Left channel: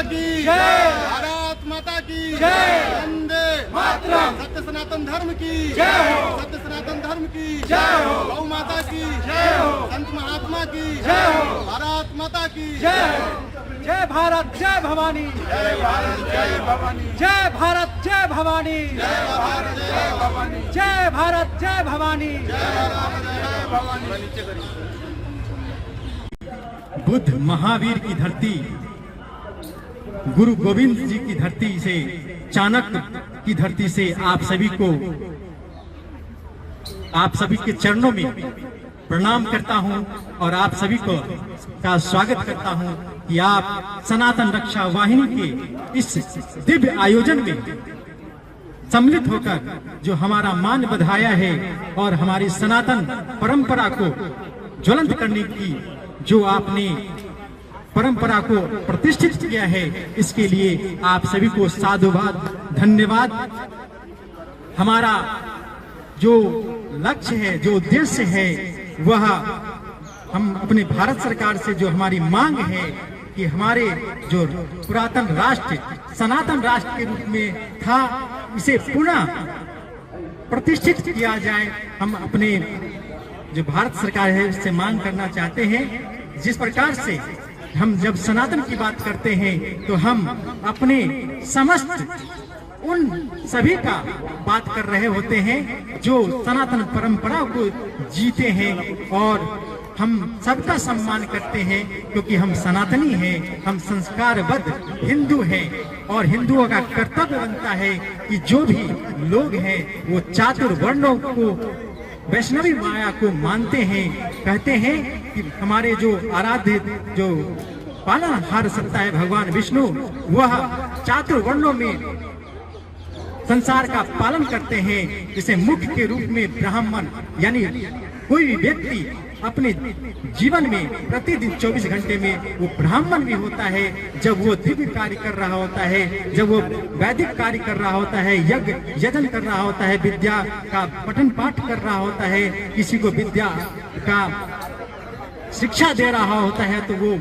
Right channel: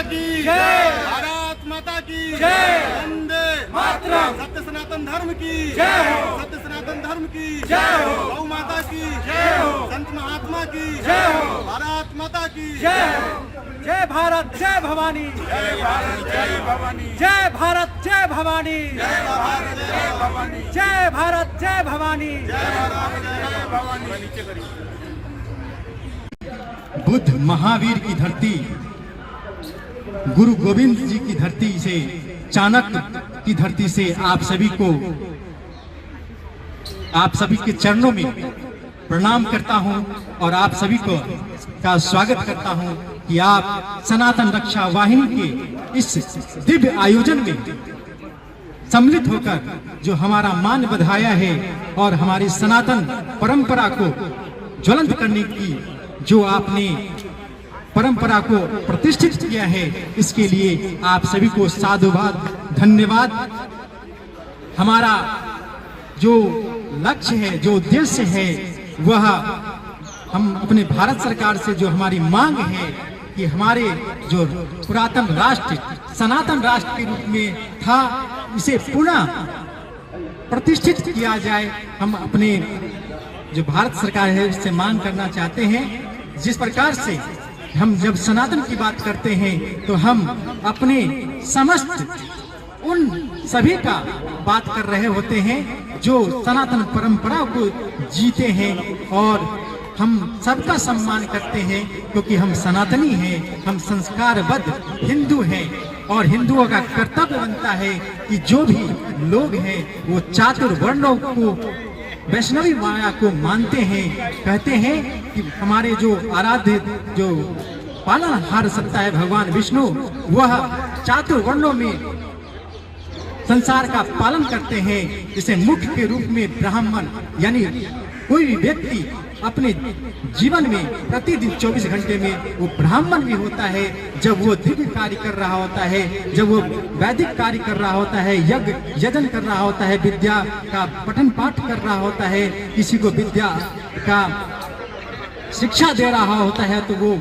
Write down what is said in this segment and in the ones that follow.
माता की जय। भारत माता की जय। वंदे मातरम। सत्य सनातन धर्म की जय हो। सत्य सनातन धर्म की जय हो। गौ माता की जय हो। संत महात्मा की जय हो। भारत माता की जय हो। जय भारत जय भवानी, जय भारत जय भवानी, जय भारत जय भवानी, जय भारत जय भवानी, जय भारत जय भवानी। जय भारत जय भवानी। बुद्ध महावीर की धरती, गुरु गोविंद जी की धरती से, चाणक्य की धरती से आप सभी के चरणों में प्रणाम करता हूं और आप सभी का स्वागत करता हूं कि आप सनातन रक्षा वाहिनी के इस दिव्य आयोजन में सम्मिलित होकर जो हमारा मान बढ़ाया है और हमारी सनातन परंपरा को ज्वलंत करने की जो आपने परंपरा को प्रतिष्ठित किया है, इसके लिए आप सभी को साधुवाद, धन्यवाद। हमारा जो लक्ष्य है, जो उद्देश्य है, वह हम अपने भारत सरकार से जो हमारी मांग है कि हमारे जो पुरातन राष्ट्र सनातन राष्ट्र के रूप में था, इसे पुनः प्रतिष्ठित किया जाए। हम अपने जो भारत सरकार है उससे मांग करना चाहते हैं, जिस प्रकार से हम जब सनातन की बात करते हैं तो हम अपने समस्त उन सभी का बात कर रहे होते हैं जो सनातन परंपरा को जीते हैं और हम सबका सम्मान करते हैं, क्योंकि हम सनातनी हैं, हम संस्कारबद्ध हिंदू हैं और हिंदुओं का कर्तव्य बनता है कि जो भी लोग हैं वो चातुर्वर्णों को, वैष्णवी माया को मानते हैं। कहते हैं कि हमारे जो आराध्य जो पालनहार सत्ता है भगवान विष्णु, वह चातुर्वर्णों में संसार का पालन करते हैं। जैसे मुख्य के रूप में ब्राह्मण, यानी कोई भी व्यक्ति अपने जीवन में प्रतिदिन 24 घंटे में वो ब्राह्मण भी होता है, जब वो दिव्य कार्य कर रहा होता है, जब वो वैदिक कार्य कर रहा होता है, यज्ञ यजन कर रहा होता है, विद्या का पठन पाठ कर रहा होता है, किसी को विद्या का शिक्षा दे रहा होता है, तो वो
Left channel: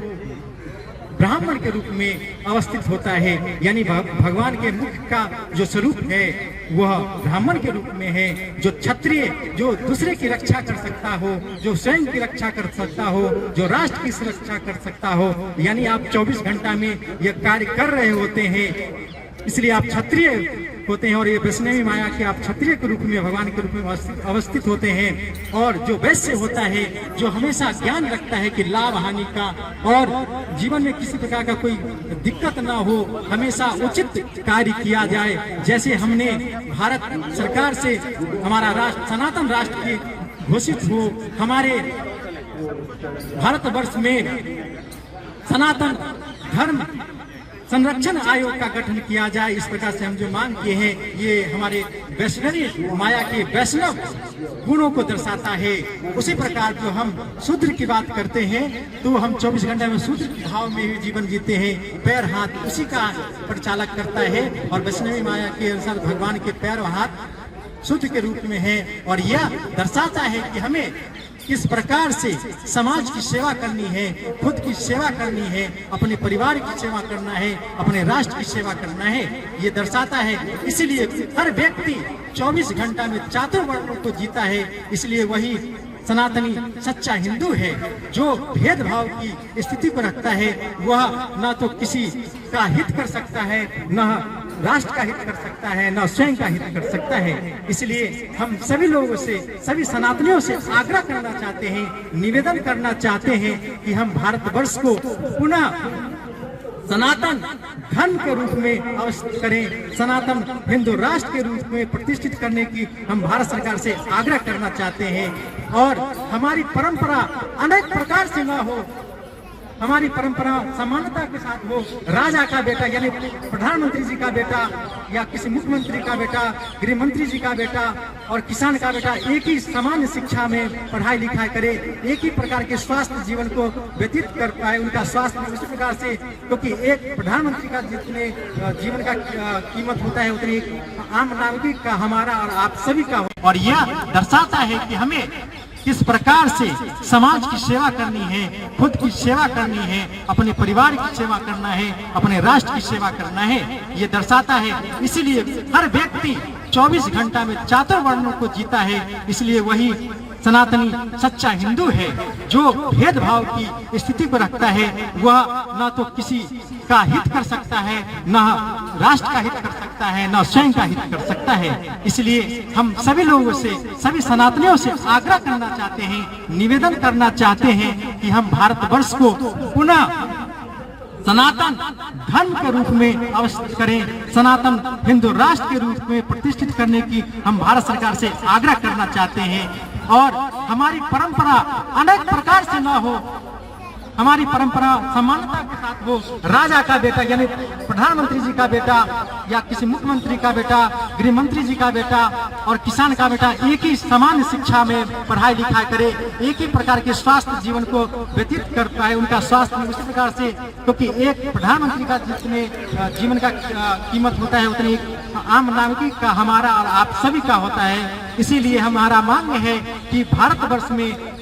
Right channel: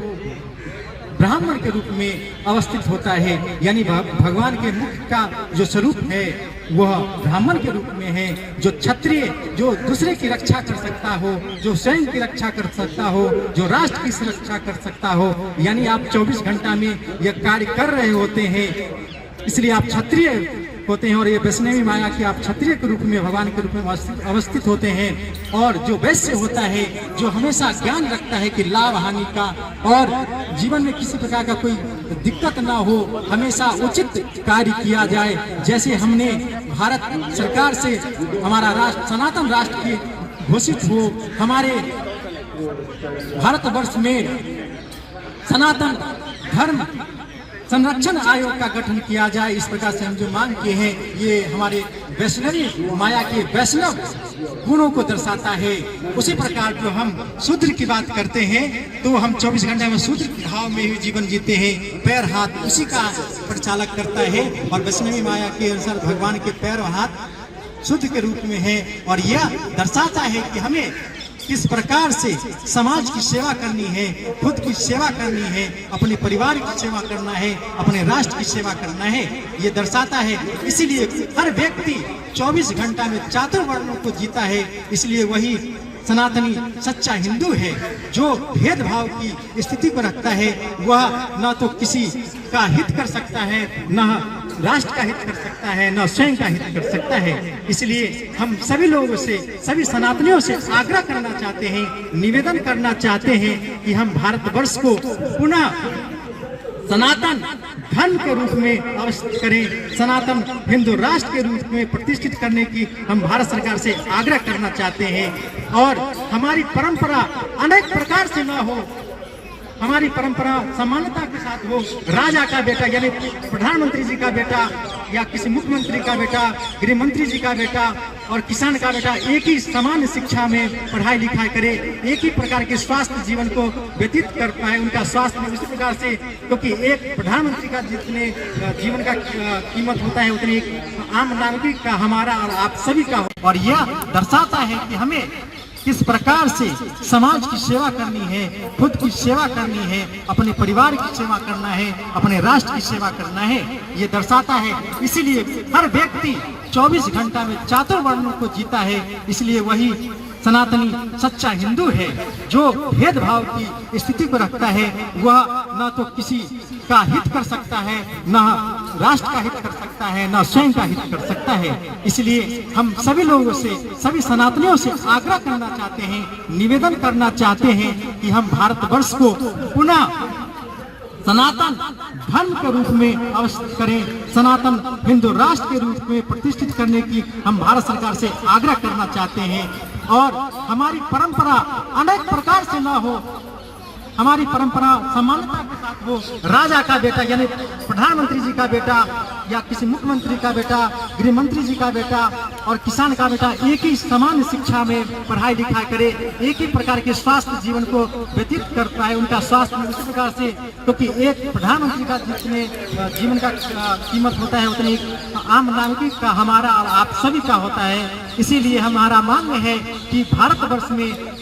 ब्राह्मण के रूप में अवस्थित होता है। यानी भगवान के मुख का जो स्वरूप है वह ब्राह्मण के रूप में है। जो क्षत्रिय, जो दूसरे की रक्षा कर सकता हो, जो स्वयं की रक्षा कर सकता हो, जो राष्ट्र की सुरक्षा कर सकता हो, यानी आप 24 घंटा में यह कार्य कर रहे होते हैं, इसलिए आप क्षत्रिय होते हैं। और ये वैष्णवी माया के आप क्षत्रिय के रूप में, भगवान के रूप में अवस्थित होते हैं। और जो वैश्य होता है, जो हमेशा ज्ञान रखता है कि लाभ हानि का और जीवन में किसी प्रकार का कोई दिक्कत ना हो, हमेशा उचित कार्य किया जाए। जैसे हमने भारत सरकार से हमारा राष्ट्र सनातन राष्ट्र की घोषित हो, हमारे भारतवर्ष में सनातन धर्म संरक्षण आयोग का गठन किया जाए, इस प्रकार से हम जो मांग किए हैं, ये हमारे वैष्णवी माया के वैष्णव गुणों को दर्शाता है। उसी प्रकार जो हम शूद्र की बात करते हैं तो हम 24 घंटे में शूद्र के भाव में ही जीवन जीते हैं। पैर हाथ उसी का परिचालक करता है और वैष्णवी माया के अनुसार भगवान के पैर और हाथ शुद्ध के रूप में है। और यह दर्शाता है कि हमें किस प्रकार से समाज की सेवा करनी है, खुद की सेवा करनी है, अपने परिवार की सेवा करना है, अपने राष्ट्र की सेवा करना है, ये दर्शाता है। इसीलिए हर व्यक्ति 24 घंटा में चातुर्वर्णों को जीता है। इसलिए वही सनातनी सच्चा हिंदू है। जो भेदभाव की स्थिति को रखता है वह न तो किसी का हित कर सकता है, न राष्ट्र का हित कर सकता है, न स्वयं का हित कर सकता है। इसलिए हम सभी लोगों से, सभी सनातनियों से आग्रह करना चाहते हैं, निवेदन करना चाहते हैं कि हम भारतवर्ष को पुनः सनातन धर्म के रूप में अवस्थित करें, सनातन हिंदू राष्ट्र के रूप में प्रतिष्ठित करने की हम भारत सरकार से आग्रह करना चाहते हैं। और हमारी परंपरा अनेक प्रकार से न हो, हमारी परंपरा समानता के साथ हो। राजा का बेटा यानी प्रधानमंत्री जी का बेटा या किसी मुख्यमंत्री का बेटा, गृह मंत्री जी का बेटा और किसान का बेटा एक ही समान शिक्षा में पढ़ाई लिखाई करे, एक ही प्रकार के स्वास्थ्य जीवन को व्यतीत कर पाए, उनका स्वास्थ्य में उसी प्रकार से, क्योंकि एक प्रधानमंत्री का जितने जीवन का कीमत होता है उतनी एक आम नागरिक का, हमारा और आप सभी का हो। और यह दर्शाता है कि हमें किस प्रकार से समाज की सेवा करनी है, खुद की सेवा करनी है, अपने परिवार की सेवा करना है, अपने राष्ट्र की सेवा करना है, ये दर्शाता है। इसीलिए हर व्यक्ति 24 घंटा में चारों वर्णों को जीता है। इसलिए वही सनातनी सच्चा हिंदू है, जो भेदभाव की स्थिति को रखता है। वह न तो किसी का हित कर सकता है, न राष्ट्र का हित कर सकता है, न स्वयं का हित कर सकता है। इसलिए हम सभी लोगों से, सभी सनातनियों से आग्रह करना चाहते हैं, निवेदन करना चाहते हैं कि हम भारतवर्ष को पुनः सनातन धर्म के रूप में अवश्य करें, सनातन हिंदू राष्ट्र के रूप में प्रतिष्ठित करने की हम भारत सरकार से आग्रह करना चाहते हैं। और हमारी परंपरा अनेक प्रकार से ना हो, हमारी परंपरा समानता के साथ हो। राजा का बेटा यानी प्रधानमंत्री जी का बेटा या किसी मुख्यमंत्री का बेटा, गृह मंत्री जी का बेटा और किसान का बेटा एक ही समान शिक्षा में पढ़ाई लिखाई करे, एक ही प्रकार के स्वास्थ्य जीवन को व्यतीत कर पाए, उनका स्वास्थ्य उसी प्रकार से, क्योंकि एक प्रधानमंत्री का जितने जीवन का कीमत होता है उतने आम नागरिक का, हमारा और आप सभी का होता है। इसीलिए हमारा मांग है कि भारतवर्ष में